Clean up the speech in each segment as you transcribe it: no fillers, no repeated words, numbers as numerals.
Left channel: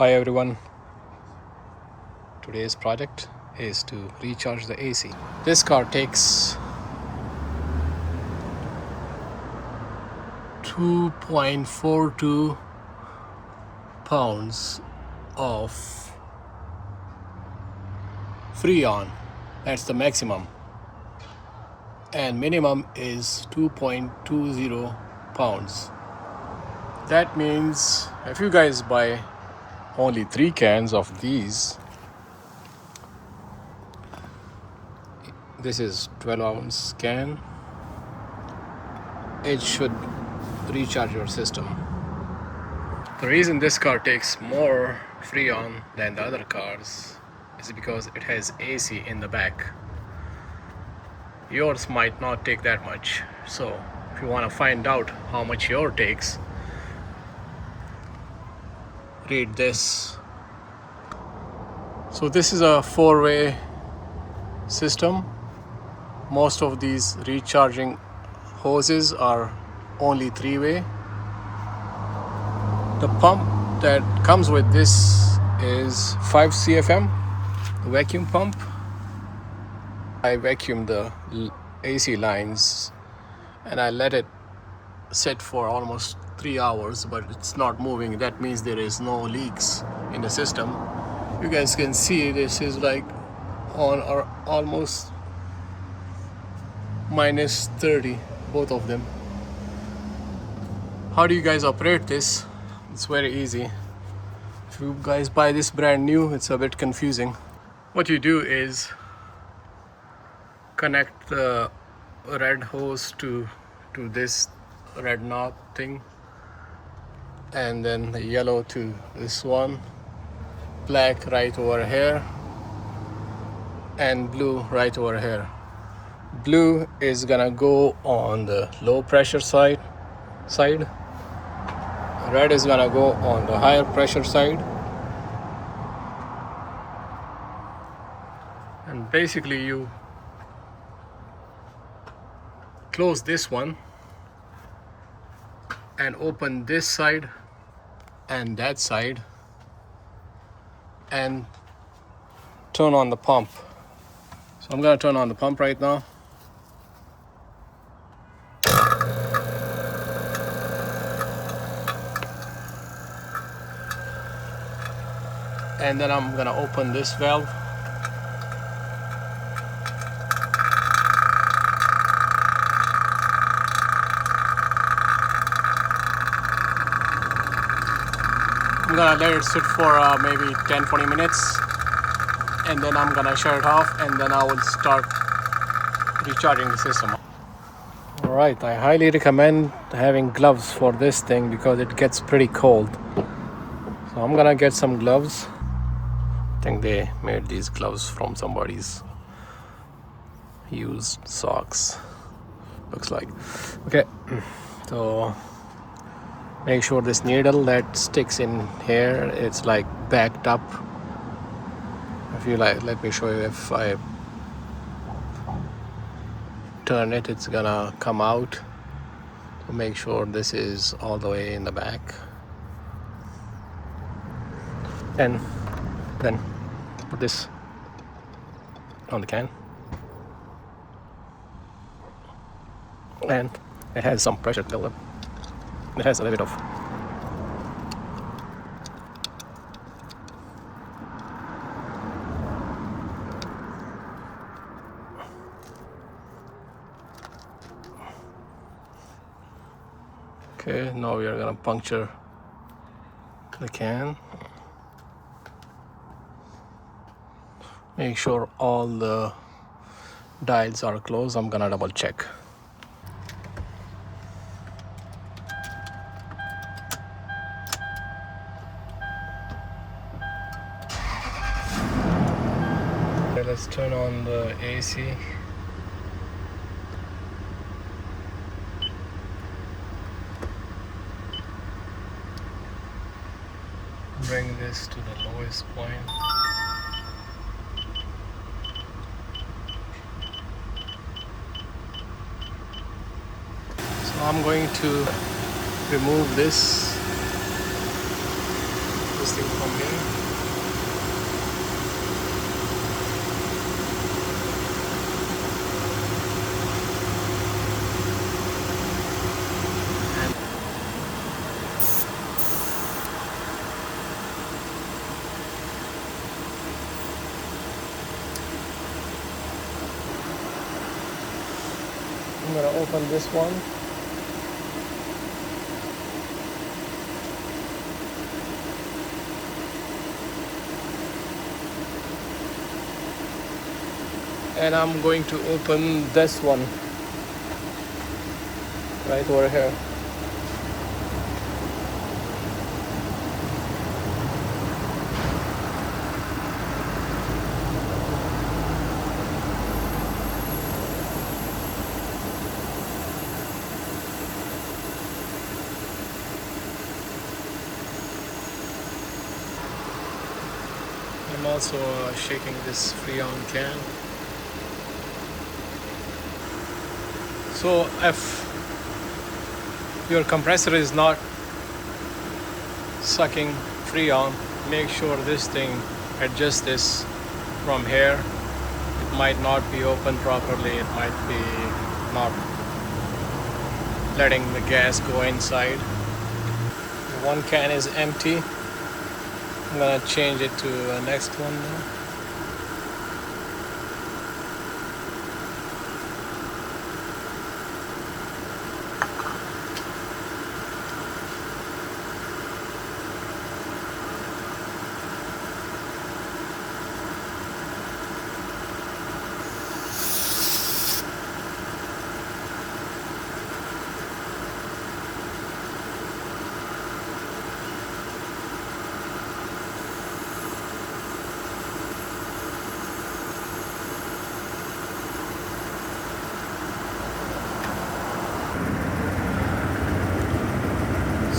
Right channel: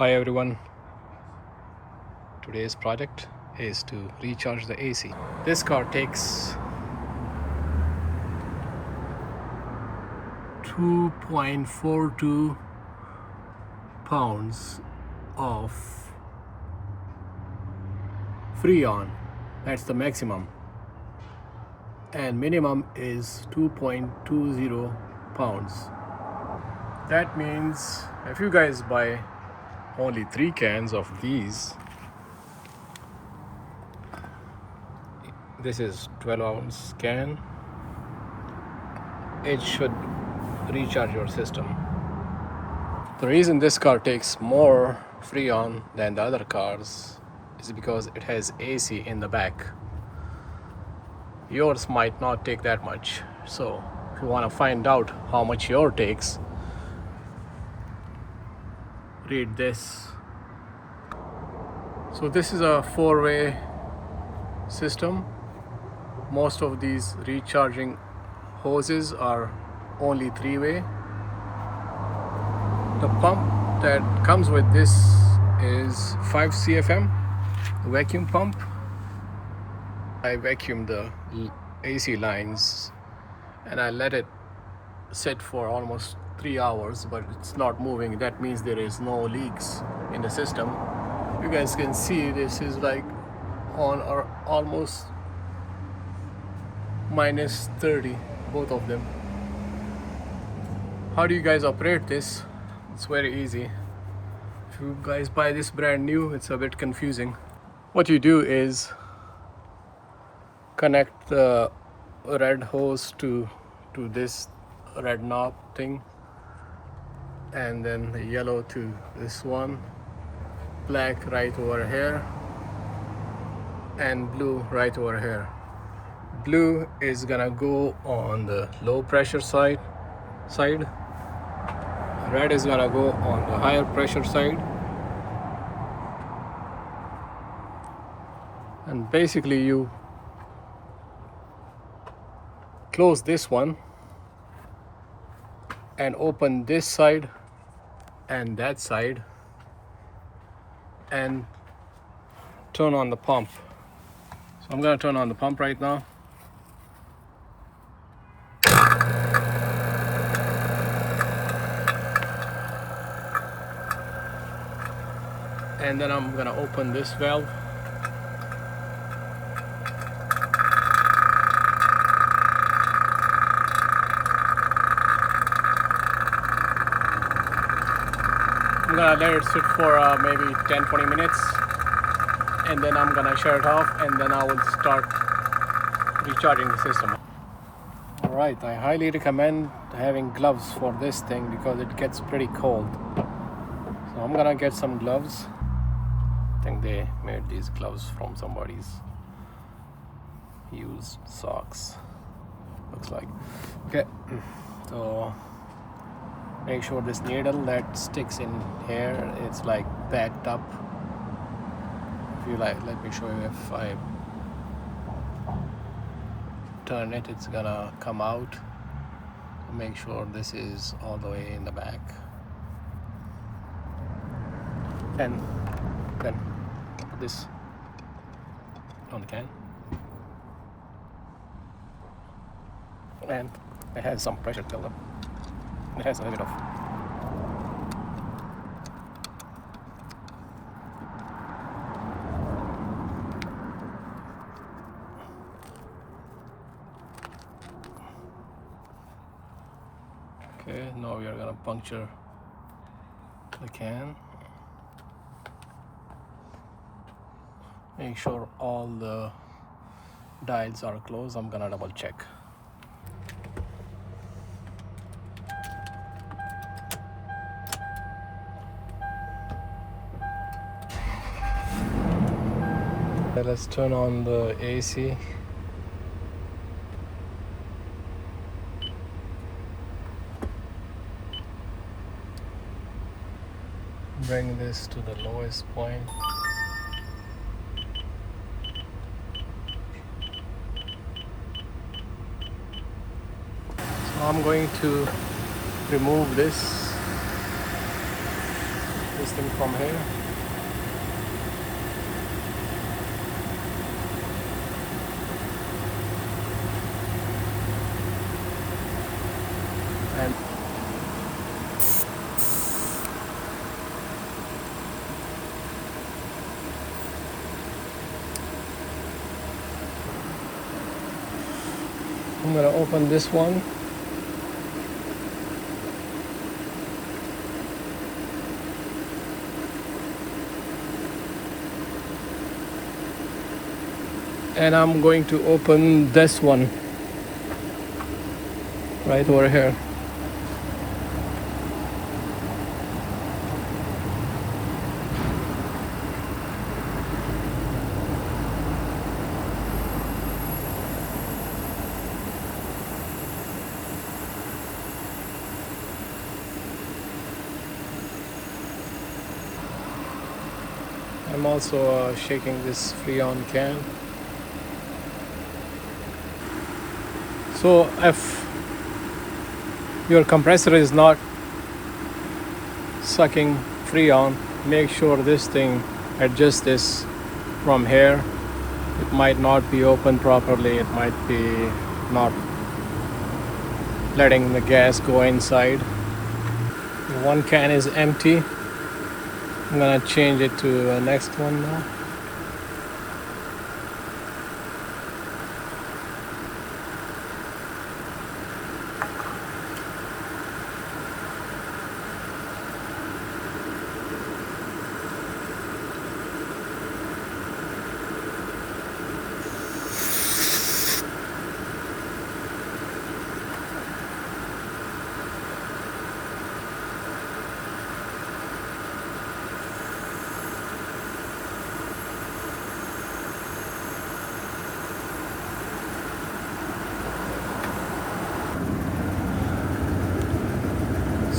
Hi everyone, today's project is to recharge the AC. This car takes 2.42 pounds of freon, that's the maximum, and minimum is 2.20 pounds. That means if you guys buy only 3 cans of these, this is 12-ounce can, it should recharge your system. The reason this car takes more freon than the other cars is because it has AC in the back. Yours might not take that much. So if you want to find out how much yours takes, read this. So this is a 4-way system. Most of these recharging hoses are only 3-way. The pump that comes with this is 5 CFM, the vacuum pump. I vacuum the AC lines and I let it sit for almost 3 hours, but it's not moving. That means there is no leaks in the system. You guys can see this is like on or almost minus 30, both of them. How do you guys operate this? It's very easy. If you guys buy this brand new, it's a bit confusing. What you do is connect the red hose to this red knob thing, and then the yellow to this one, black right over here, and blue right over here. Blue is gonna go on the low pressure side. Red is gonna go on the higher pressure side. And basically you close this one and open this side and that side and turn on the pump. So I'm gonna turn on the pump right now. And then I'm gonna open this valve. I'm gonna let it sit for maybe 10-20 minutes, and then I'm gonna shut it off, and then I will start recharging the system. Alright, I highly recommend having gloves for this thing because it gets pretty cold. So I'm gonna get some gloves. I think they made these gloves from somebody's used socks, looks like. Okay, so make sure this needle that sticks in here, it's like backed up. If you like, let me show you. If I turn it, it's gonna come out. So make sure this is all the way in the back, and then put this on the can, and it has some pressure buildup. It has a little bit of okay, now we are gonna puncture the can. Make sure all the dials are closed. I'm gonna double check. Okay, let's turn on the AC. Bring this to the lowest point. So I'm going to remove this this thing from here. And I'm gonna open this one. And I'm going to open this one right over here. I'm also shaking this freon can. So if your compressor is not sucking freon, make sure this thing adjusts this from here. It might not be open properly, it might be not letting the gas go inside. One can is empty. I'm gonna change it to the next one now.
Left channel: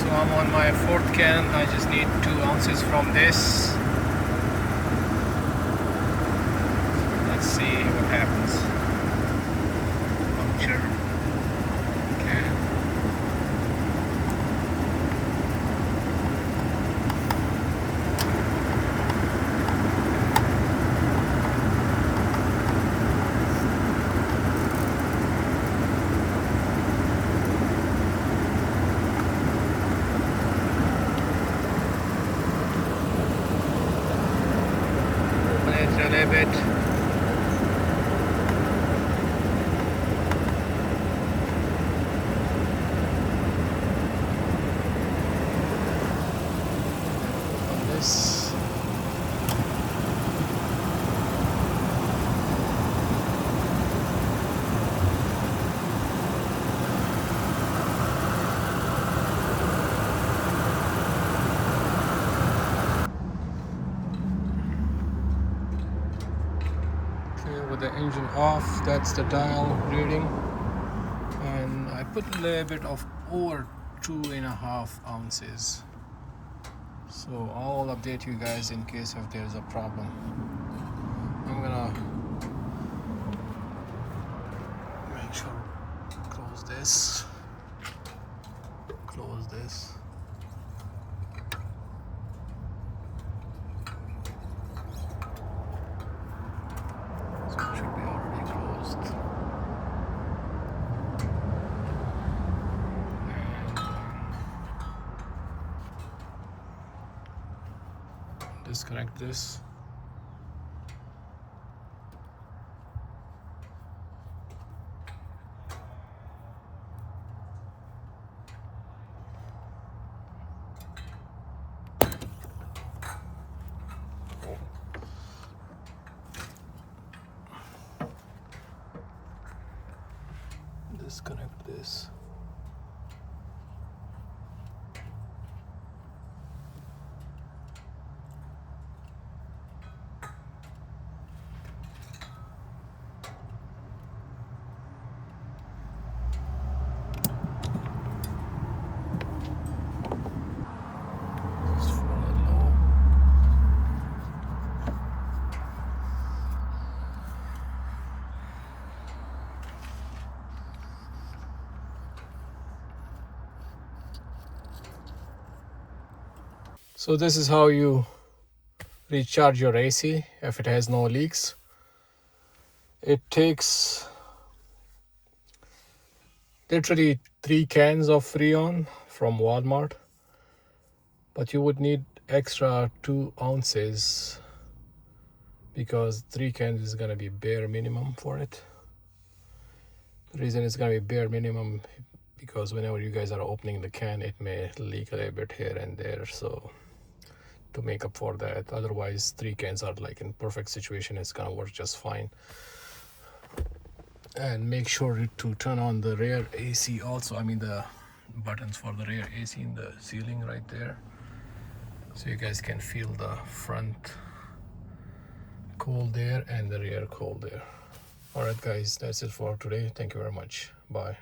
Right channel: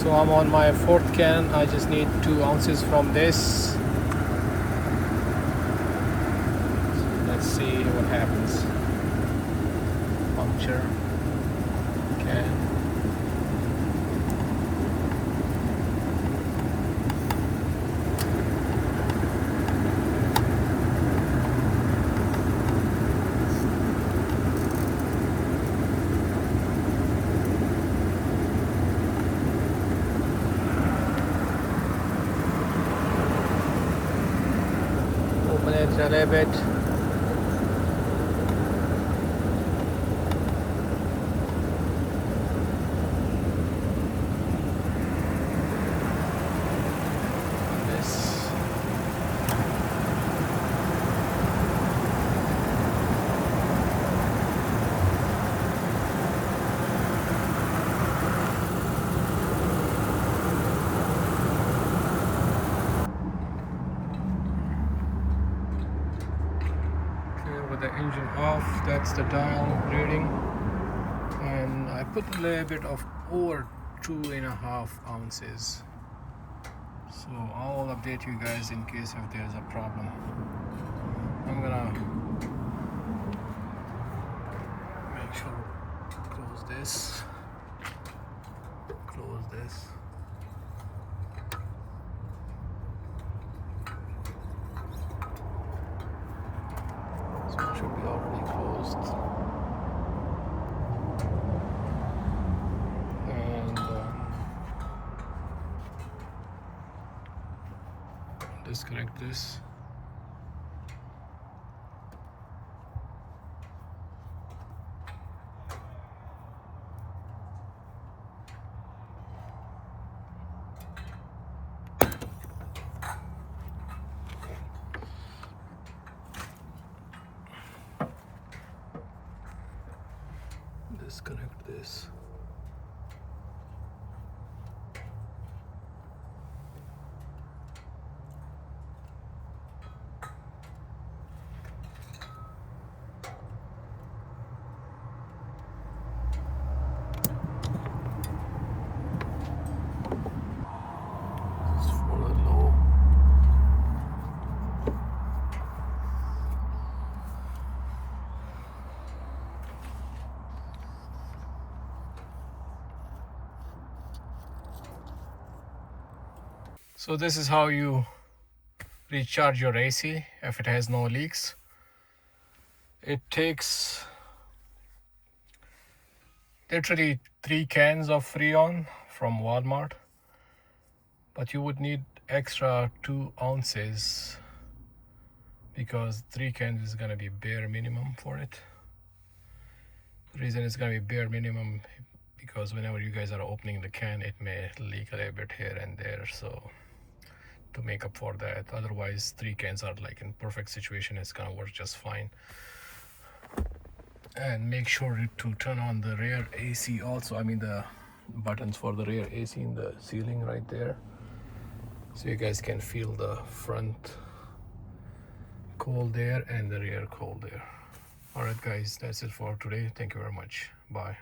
So I'm on my fourth can. I just need 2 ounces from this. Let's see what happens. Puncture. Can. A little bit. This. With the engine off, that's the dial reading, and I put a little bit of over 2.5 ounces. So I'll update you guys in case if there's a problem. I'm gonna make sure close this. So it should be already closed. And disconnect this. Disconnect this. So this is how you recharge your AC if it has no leaks. It takes literally 3 cans of freon from Walmart, but you would need extra 2 ounces because 3 cans is gonna be bare minimum for it. The reason it's gonna be bare minimum because whenever you guys are opening the can, it may leak a little bit here and there, so to make up for that, otherwise 3 cans are like in perfect situation, it's gonna work just fine. And make sure to turn on the rear AC also, I mean the buttons for the rear AC in the ceiling right there, so you guys can feel the front cold there and the rear cold there. All right guys, that's it for today. Thank you very much. Bye.